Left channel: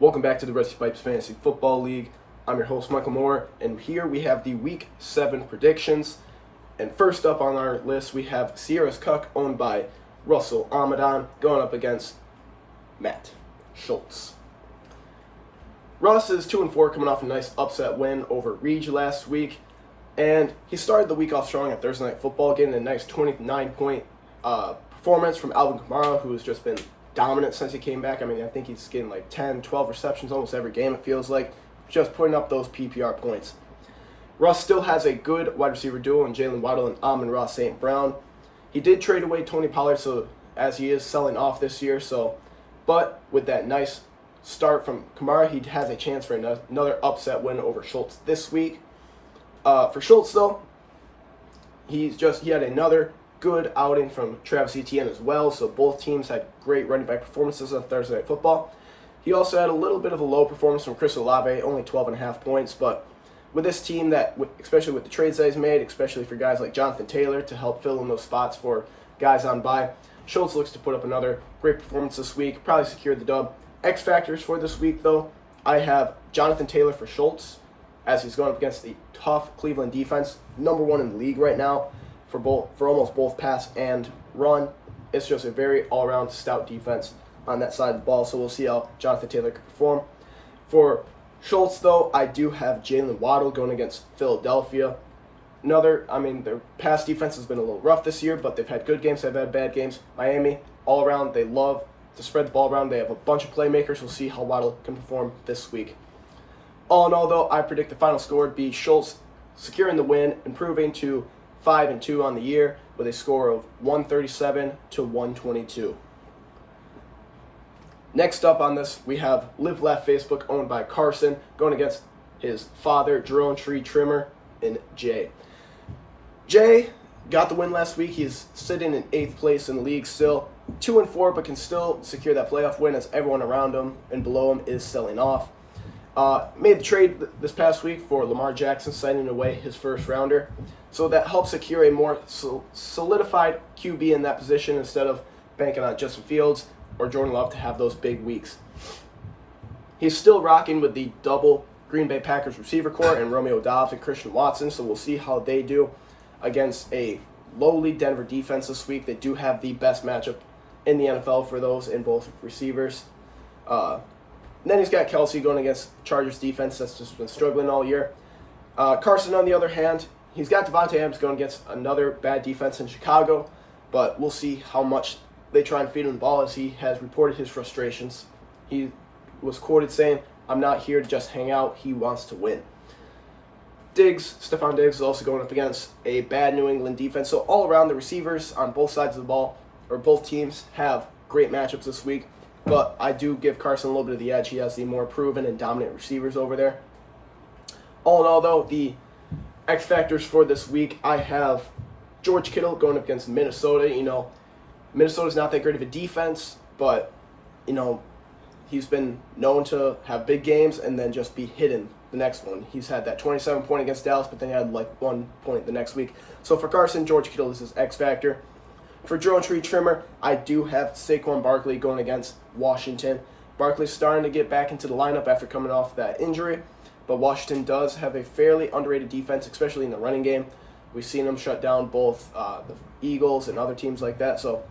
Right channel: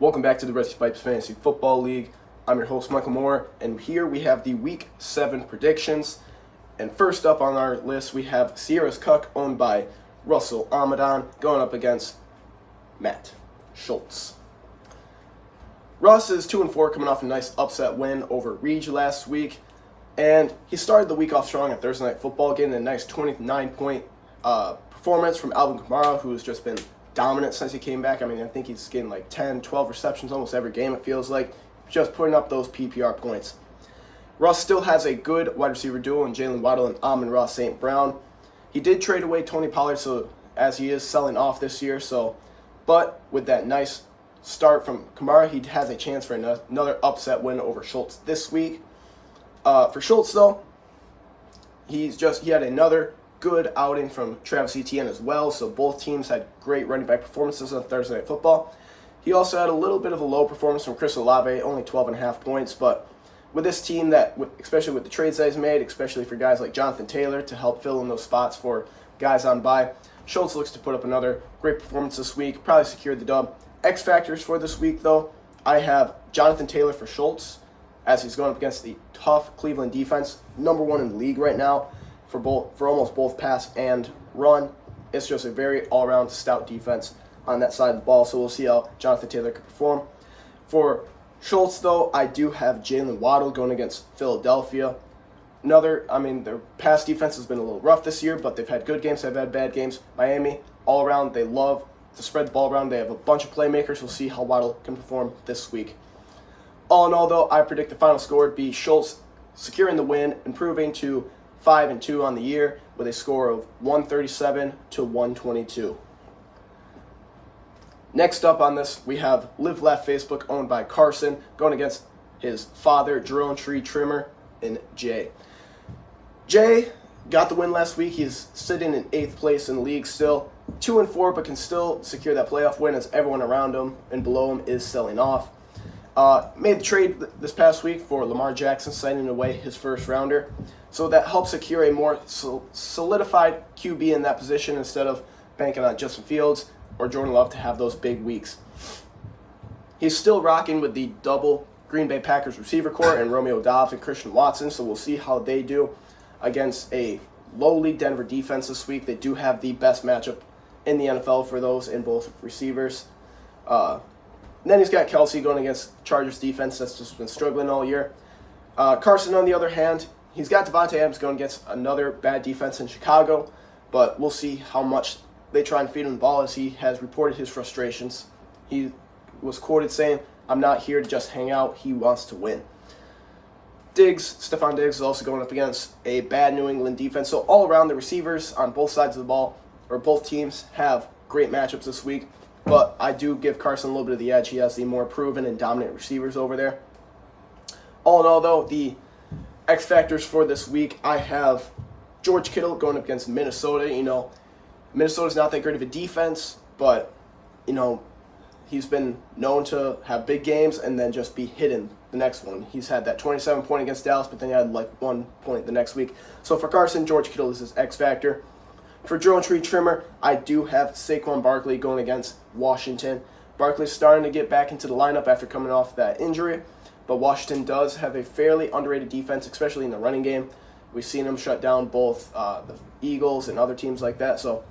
Welcome back to the Rusty Pipes Fantasy Football League. I'm your host, Michael Moore, and here we have the Week 7 predictions. And first up on our list, we have Sierra's Cuck, owned by Russell Amadan, going up against Matt Schultz. Russ is 2-4, coming off a nice upset win over Reed last week. And he started the week off strong at Thursday Night Football, getting a nice 29-point performance from Alvin Kamara, who has just been dominant since he came back. I mean, I think he's getting like 10, 12 receptions almost every game, it feels like, just putting up those PPR points. Russ still has a good wide receiver duo in Jalen Waddle and Amon-Ra St. Brown. He did trade away Tony Pollard, so as he is selling off this year, but with that nice start from Kamara, he has a chance for another upset win over Schultz this week. For Schultz, though, he had another good outing from Travis Etienne as well, so both teams had great running back performances on Thursday Night Football. He also had a little bit of a low performance from Chris Olave, only 12.5 points, but with this team, especially with the trades that he's made, especially for guys like Jonathan Taylor to help fill in those spots for guys on bye, Schultz looks to put up another great performance this week, probably secured the dub. X factors for this week, though, I have Jonathan Taylor for Schultz, as he's going up against the tough Cleveland defense, number one in the league right now for almost both pass and run. It's just a very all-around stout defense on that side of the ball, so we'll see how Jonathan Taylor can perform. For Schultz, though, I do have Jalen Waddle going against Philadelphia. Their pass defense has been a little rough this year, but they've had good games, they've had bad games. Miami, all around, they love to spread the ball around. They have a bunch of playmakers. We'll see how Waddle can perform this week. All in all, though, I predict the final score would be Schultz securing the win, improving to 5-2 on the year with a score of 137-122. Next up on this, we have Live Laugh Facebook, owned by Carson, going against his father, Drone Tree Trimmer, and Jay. Jay got the win last week. He's sitting in 8th place in the league still, 2-4, but can still secure that playoff win as everyone around him and below him is selling off. Made the trade this past week for Lamar Jackson, signing away his first rounder. So that helps secure a more solidified QB in that position instead of banking on Justin Fields or Jordan Love to have those big weeks. He's still rocking with the double Green Bay Packers receiver core and Romeo Doubs and Christian Watson, so we'll see how they do against a lowly Denver defense this week. They do have the best matchup in the NFL for those in both receivers. Then he's got Kelsey going against Chargers defense that's just been struggling all year. Carson, on the other hand, he's got Devontae Adams going against another bad defense in Chicago, but we'll see how much they try and feed him the ball, as he has reported his frustrations. He was quoted saying, "I'm not here to just hang out, he wants to win." Stephon Diggs is also going up against a bad New England defense. So all around, the receivers on both sides of the ball, or both teams, have great matchups this week. But I do give Carson a little bit of the edge. He has the more proven and dominant receivers over there. All in all, though, the X factors for this week, I have George Kittle going up against Minnesota. Minnesota's not that great of a defense, but, he's been known to have big games and then just be hidden the next one. He's had that 27-point against Dallas, but then he had like 1 point the next week. So for Carson, George Kittle is his X factor. For Drone Tree Trimmer, I do have Saquon Barkley going against Washington. Barkley's starting to get back into the lineup after coming off that injury, but Washington does have a fairly underrated defense, especially in the running game. We've seen them shut down both the Eagles and other teams like that, so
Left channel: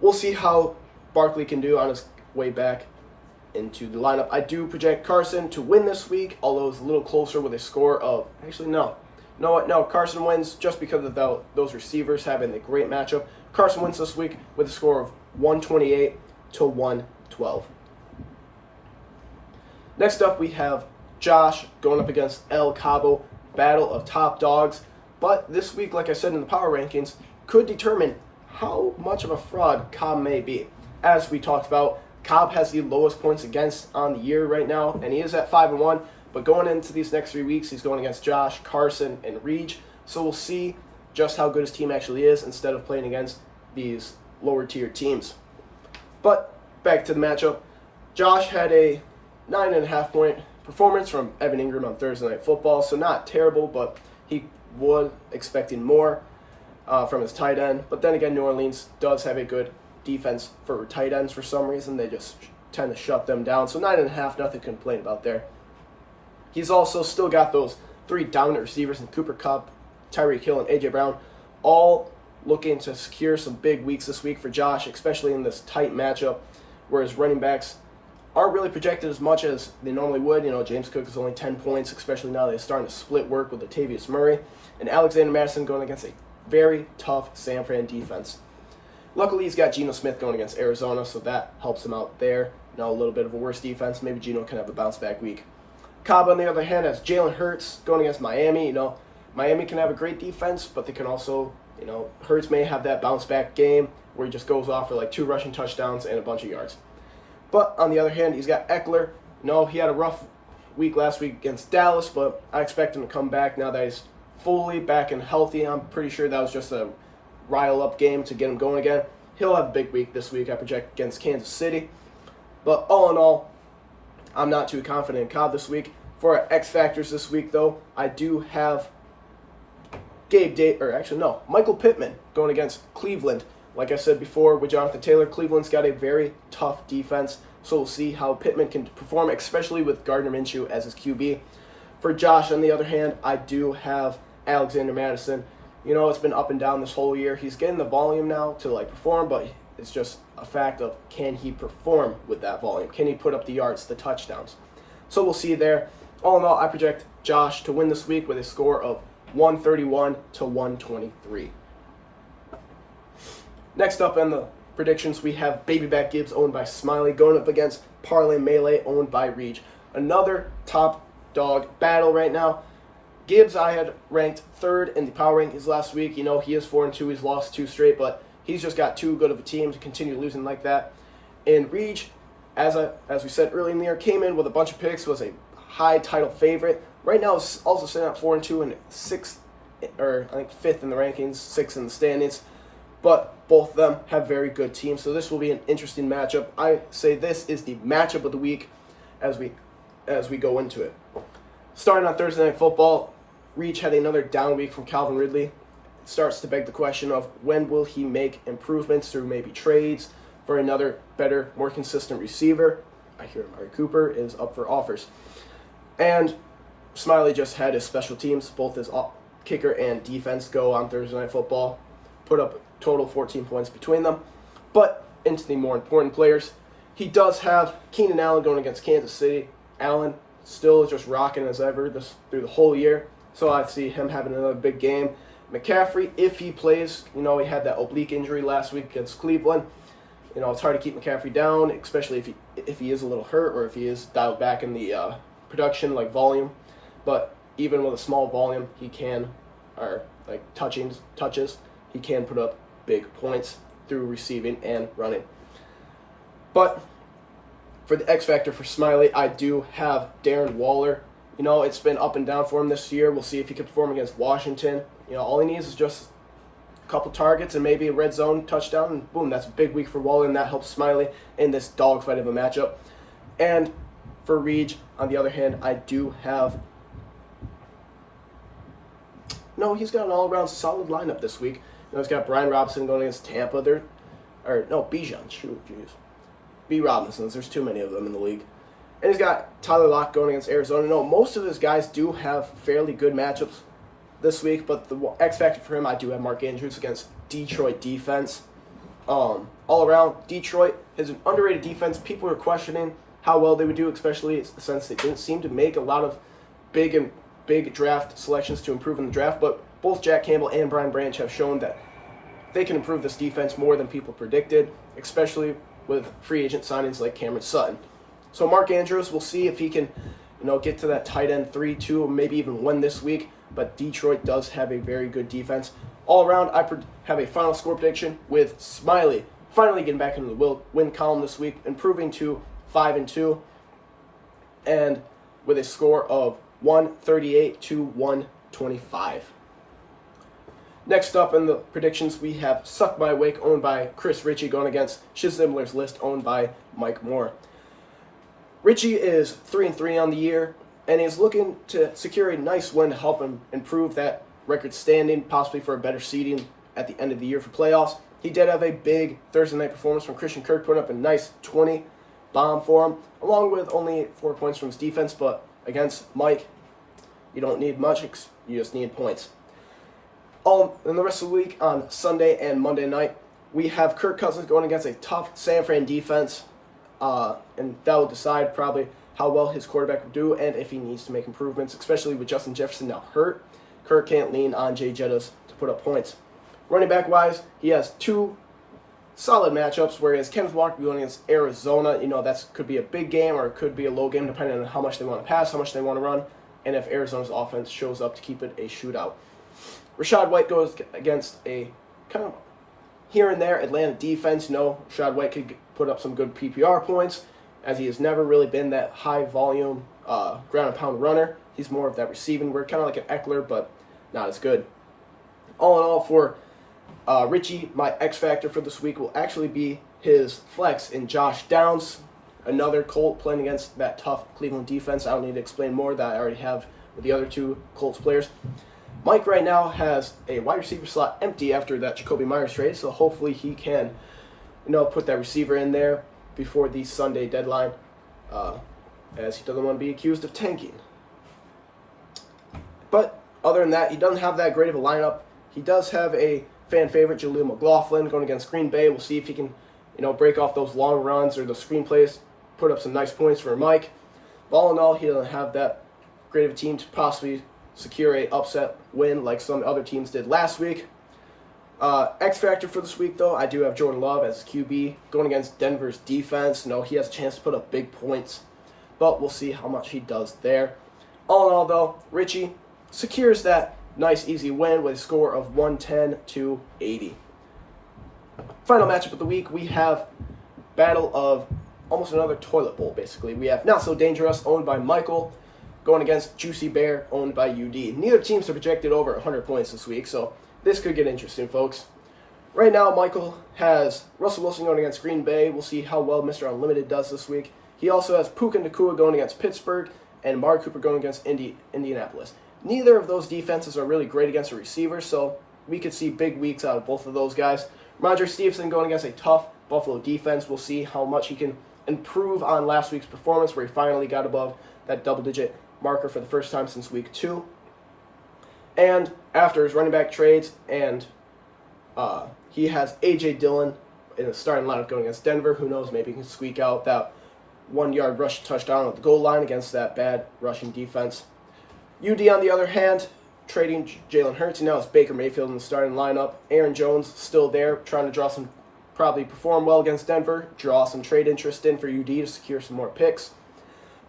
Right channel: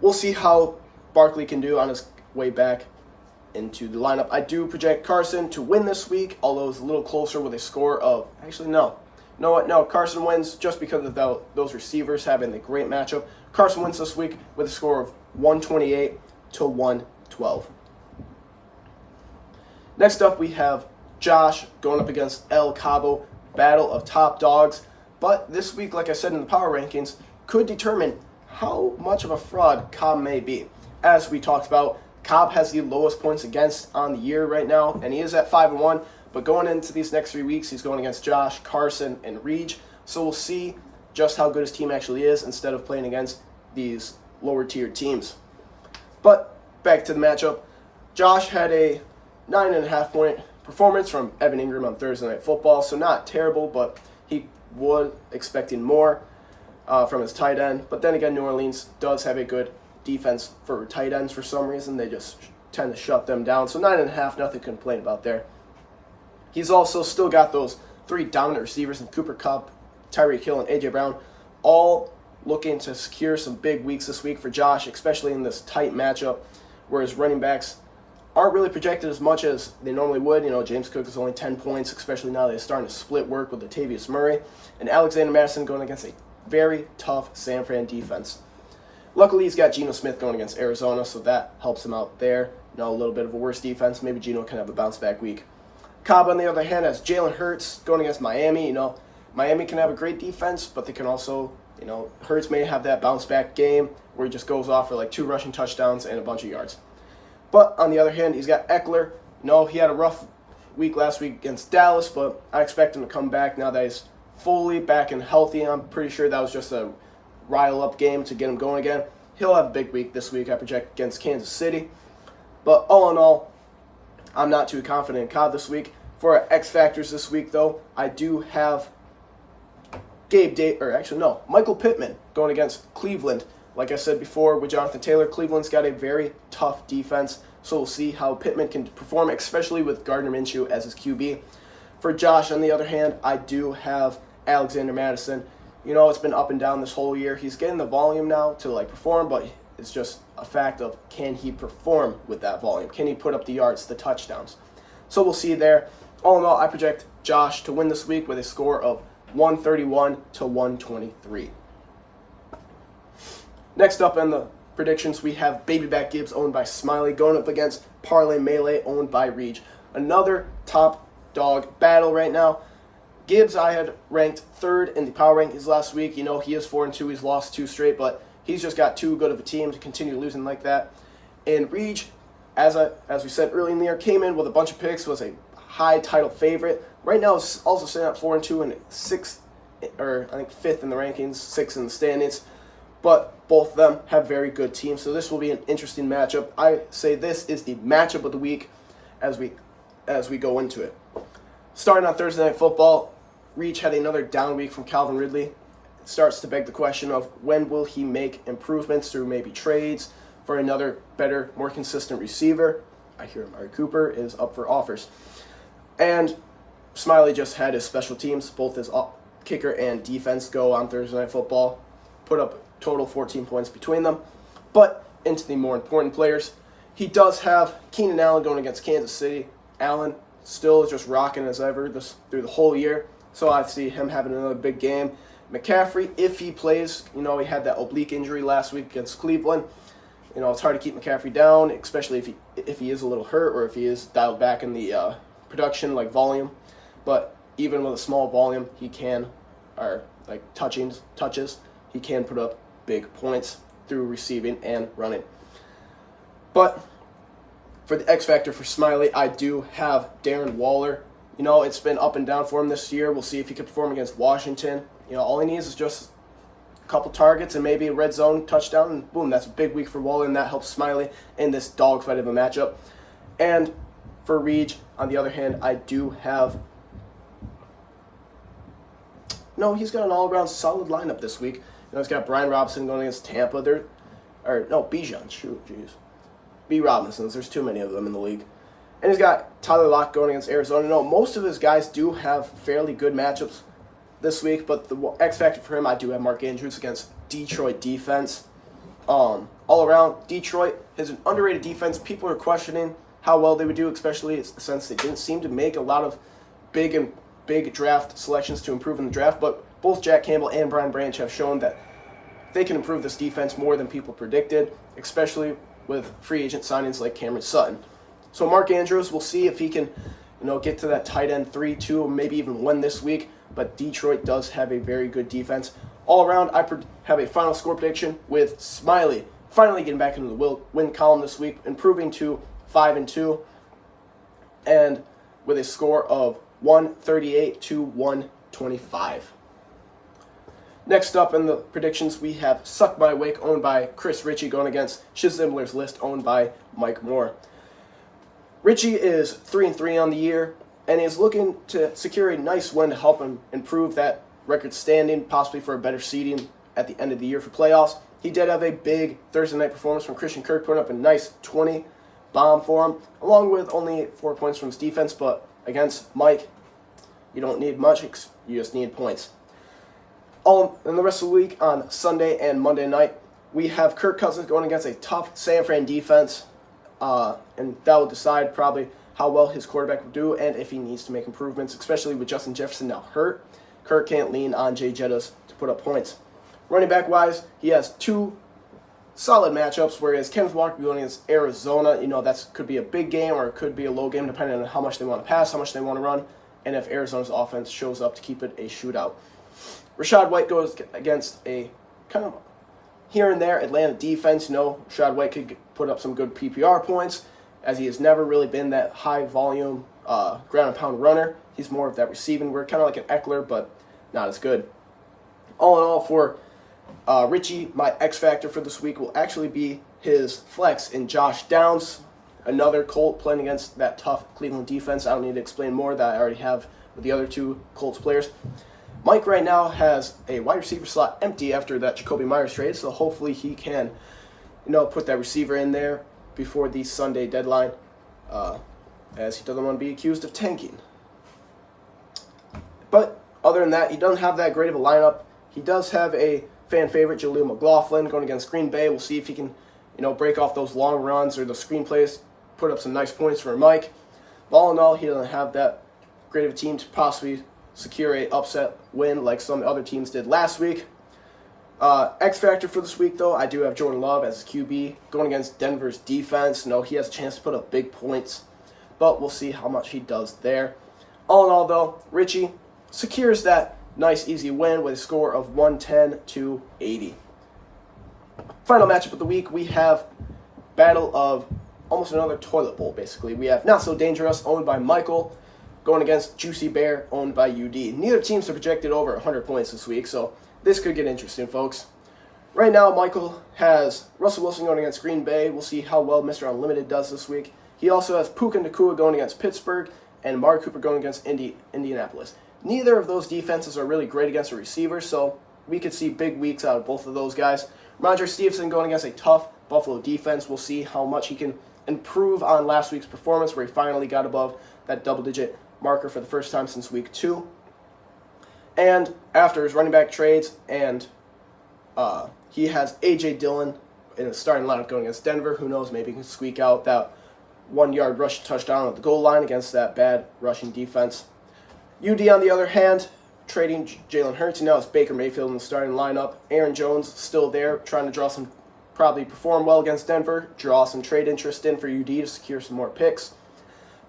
we'll see how Barkley can do on his way back into the lineup. I do project Carson to win this week, although it's a little closer with a score of, no, Carson wins just because of those receivers having the great matchup. Carson wins this week with a score of 128-112. Next up, we have Josh going up against El Cabo, battle of top dogs. But this week, like I said in the power rankings, could determine how much of a fraud Cobb may be. As we talked about, Cobb has the lowest points against on the year right now, and he is at 5-1. But going into these next 3 weeks, he's going against Josh, Carson, and Reed. So we'll see just how good his team actually is instead of playing against these lower-tier teams. But back to the matchup. Josh had a 9.5-point performance from Evan Ingram on Thursday Night Football, so not terrible, but he was expecting more from his tight end. But then again, New Orleans does have a good defense for tight ends for some reason. They just tend to shut them down. So 9.5, nothing to complain about there. He's also still got those 3 dominant receivers in Cooper Kupp, Tyreek Hill, and A.J. Brown, all looking to secure some big weeks this week for Josh, especially in this tight matchup where his running backs aren't really projected as much as they normally would. James Cook is only 10 points, especially now they're starting to split work with Latavius Murray, and Alexander Mattison going against a very tough San Fran defense. Luckily, he's got Geno Smith going against Arizona, so that helps him out there. A little bit of a worse defense. Maybe Geno can have a bounce-back week. Cobb, on the other hand, has Jalen Hurts going against Miami. Miami can have a great defense, but they can also, Hurts may have that bounce-back game where he just goes off for like 2 rushing touchdowns and a bunch of yards. But on the other hand, he's got Eckler. He had a rough week last week against Dallas, but I expect him to come back now that he's fully back and healthy. I'm pretty sure that was just a rile-up game to get him going again. He'll have a big week this week, I project, against Kansas City. But all in all, I'm not too confident in Cobb this week. For our X Factors this week, though, I do have Michael Pittman going against Cleveland. Like I said before, with Jonathan Taylor, Cleveland's got a very tough defense, so we'll see how Pittman can perform, especially with Gardner Minshew as his QB. For Josh, on the other hand, I do have Alexander Mattison. It's been up and down this whole year. He's getting the volume now to perform, but it's just a fact of, can he perform with that volume? Can he put up the yards, the touchdowns? So we'll see there. All in all, I project Josh to win this week with a score of 131 to 123. Next up in the predictions, we have Baby Back Gibbs, owned by Smiley, going up against Parlay Melee, owned by Reach. Another top dog battle right now. Gibbs, I had ranked 3rd in the power rankings last week. He is 4-2. He's lost 2 straight, but he's just got too good of a team to continue losing like that. And Reach, as we said earlier in the year, came in with a bunch of picks, was a high title favorite. Right now, it's also sitting at 4-2 and 6th, or I think 5th in the rankings, 6th in the standings. But both of them have very good teams, so this will be an interesting matchup. I say this is the matchup of the week as we go into it. Starting on Thursday Night Football, Reach had another down week from Calvin Ridley. It starts to beg the question of, when will he make improvements through maybe trades for another better, more consistent receiver? I hear Amari Cooper is up for offers. And Smiley just had his special teams, both his kicker and defense, go on Thursday Night Football. Put up total 14 points between them. But into the more important players, he does have Keenan Allen going against Kansas City. Allen still is just rocking as ever through the whole year. So I see him having another big game. McCaffrey, if he plays, he had that oblique injury last week against Cleveland. It's hard to keep McCaffrey down, especially if he is a little hurt or if he is dialed back in the production, volume. But even with a small volume, he can, or touches, he can put up big points through receiving and running. But for the X Factor for Smiley, I do have Darren Waller. It's been up and down for him this year. We'll see if he can perform against Washington. All he needs is just a couple targets and maybe a red zone touchdown, and boom, that's a big week for Waller, and that helps Smiley in this dogfight of a matchup. And for Reach, on the other hand, I do have... he's got an all-around solid lineup this week. He's got Brian Robinson going against Tampa. Bijan. B. Robinsons. There's too many of them in the league. And he's got Tyler Lockett going against Arizona. Most of his guys do have fairly good matchups this week, but the X factor for him, I do have Mark Andrews against Detroit defense. All around, Detroit is an underrated defense. People are questioning how well they would do, especially since they didn't seem to make a lot of big draft selections to improve in the draft, but both Jack Campbell and Brian Branch have shown that they can improve this defense more than people predicted, especially with free agent signings like Cameron Sutton. So Mark Andrews, we'll see if he can, get to that tight end 3-2, or maybe even win this week, but Detroit does have a very good defense. All around, I have a final score prediction with Smiley finally getting back into the win column this week, improving to 5-2, and with a score of 138 to 125. Next up in the predictions, we have Suck My Wake, owned by Chris Ritchie, going against Shizimler's List, owned by Mike Moore. Ritchie is 3-3 on the year, and is looking to secure a nice win to help him improve that record standing, possibly for a better seeding at the end of the year for playoffs. He did have a big Thursday night performance from Christian Kirk, putting up a nice 20 bomb for him, along with only 4 points from his defense. But against Mike, you don't need much. You just need points. In the rest of the week, on Sunday and Monday night, we have Kirk Cousins going against a tough San Fran defense, and that will decide probably how well his quarterback will do and if he needs to make improvements, especially with Justin Jefferson now hurt. Kirk can't lean on Jay Jettas to put up points. Running back-wise, he has 2 solid matchups, whereas Kenneth Walker going against Arizona, that could be a big game or it could be a low game depending on how much they want to pass, how much they want to run, and if Arizona's offense shows up to keep it a shootout. Rachaad White goes against a kind of here and there Atlanta defense. Rachaad White could put up some good PPR points, as he has never really been that high volume ground and pound runner. He's more of that receiving work, kind of like an Eckler, but not as good. All in all, for Richie, my X factor for this week will actually be his flex in Josh Downs, another Colt playing against that tough Cleveland defense. I don't need to explain more that I already have with the other 2 Colts players. Mike right now has a wide receiver slot empty after that Jacoby Myers trade, so hopefully he can, put that receiver in there before the Sunday deadline, as he doesn't want to be accused of tanking. But other than that, he doesn't have that great of a lineup. He does have a fan favorite, Jaleel McLaughlin, going against Green Bay. We'll see if he can, break off those long runs or the screenplays, put up some nice points for Mike. But all in all, he doesn't have that great of a team to possibly secure a upset win like some other teams did last week. X factor for this week, though, I do have Jordan Love as QB going against Denver's defense. He has a chance to put up big points, but we'll see how much he does there. All in all, though, Richie secures that nice, easy win with a score of 110-80. Final matchup of the week, we have battle of almost another toilet bowl, basically. We have Not So Dangerous, owned by Michael, going against Juicy Bear, owned by UD. Neither teams are projected over 100 points this week, so this could get interesting, folks. Right now, Michael has Russell Wilson going against Green Bay. We'll see how well Mr. Unlimited does this week. He also has Puka Nacua going against Pittsburgh and Amari Cooper going against Indianapolis. Neither of those defenses are really great against a receiver, so we could see big weeks out of both of those guys. Roger Stevenson going against a tough Buffalo defense. We'll see how much he can improve on last week's performance, where he finally got above that double-digit marker for the first time since week 2. And after his running back trades, and he has A.J. Dillon in the starting lineup going against Denver. Who knows, maybe he can squeak out that 1-yard rush touchdown at the goal line against that bad rushing defense. UD, on the other hand, trading Jalen Hurts. Now it's Baker Mayfield in the starting lineup. Aaron Jones still there, trying to probably perform well against Denver, draw some trade interest in for UD to secure some more picks.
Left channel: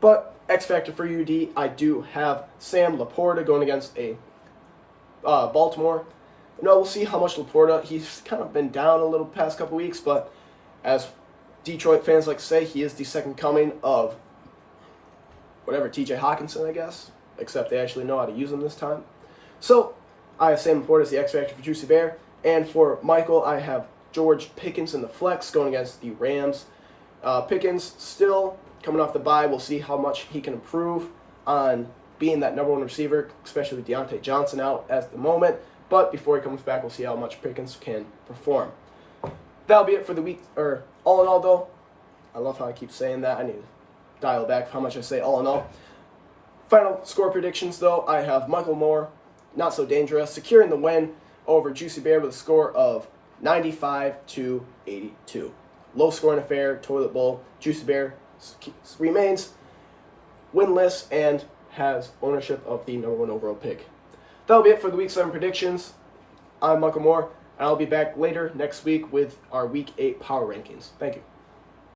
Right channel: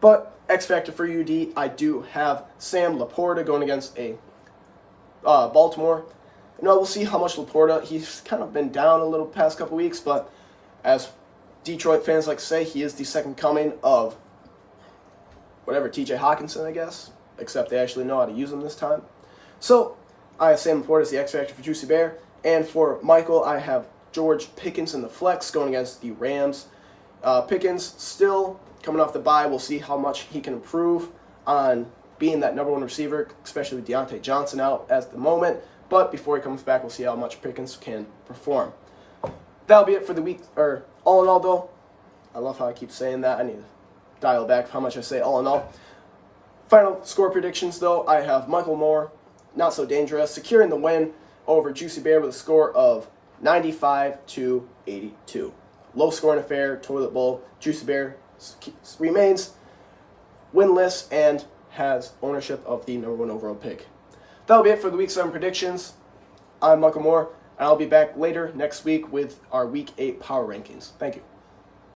But X factor for UD, I do have Sam Laporta going against a Baltimore. We'll see how much Laporta, he's kind of been down a little past couple weeks, but as Detroit fans like to say, he is the second coming of TJ Hawkinson, I guess, except they actually know how to use him this time. So I have Sam Laporta as the X factor for Juicy Bear, and for Michael, I have George Pickens in the flex going against the Rams. Pickens still coming off the bye. We'll see how much he can improve on being that number 1 receiver, especially with Deontay Johnson out at the moment. But before he comes back, we'll see how much Pickens can perform. That'll be it for the week. Or all in all, though, I love how I keep saying that. I need to dial back how much I say all in all. Final score predictions, though, I have Michael Moore, Not So Dangerous, securing the win over Juicy Bear with a score of 95-82. Low scoring affair, toilet bowl. Juicy Bear remains winless and has ownership of the number 1 overall pick. That'll be it for the Week 7 predictions. I'm Michael Moore, and I'll be back later next week with our Week 8 power rankings. Thank you.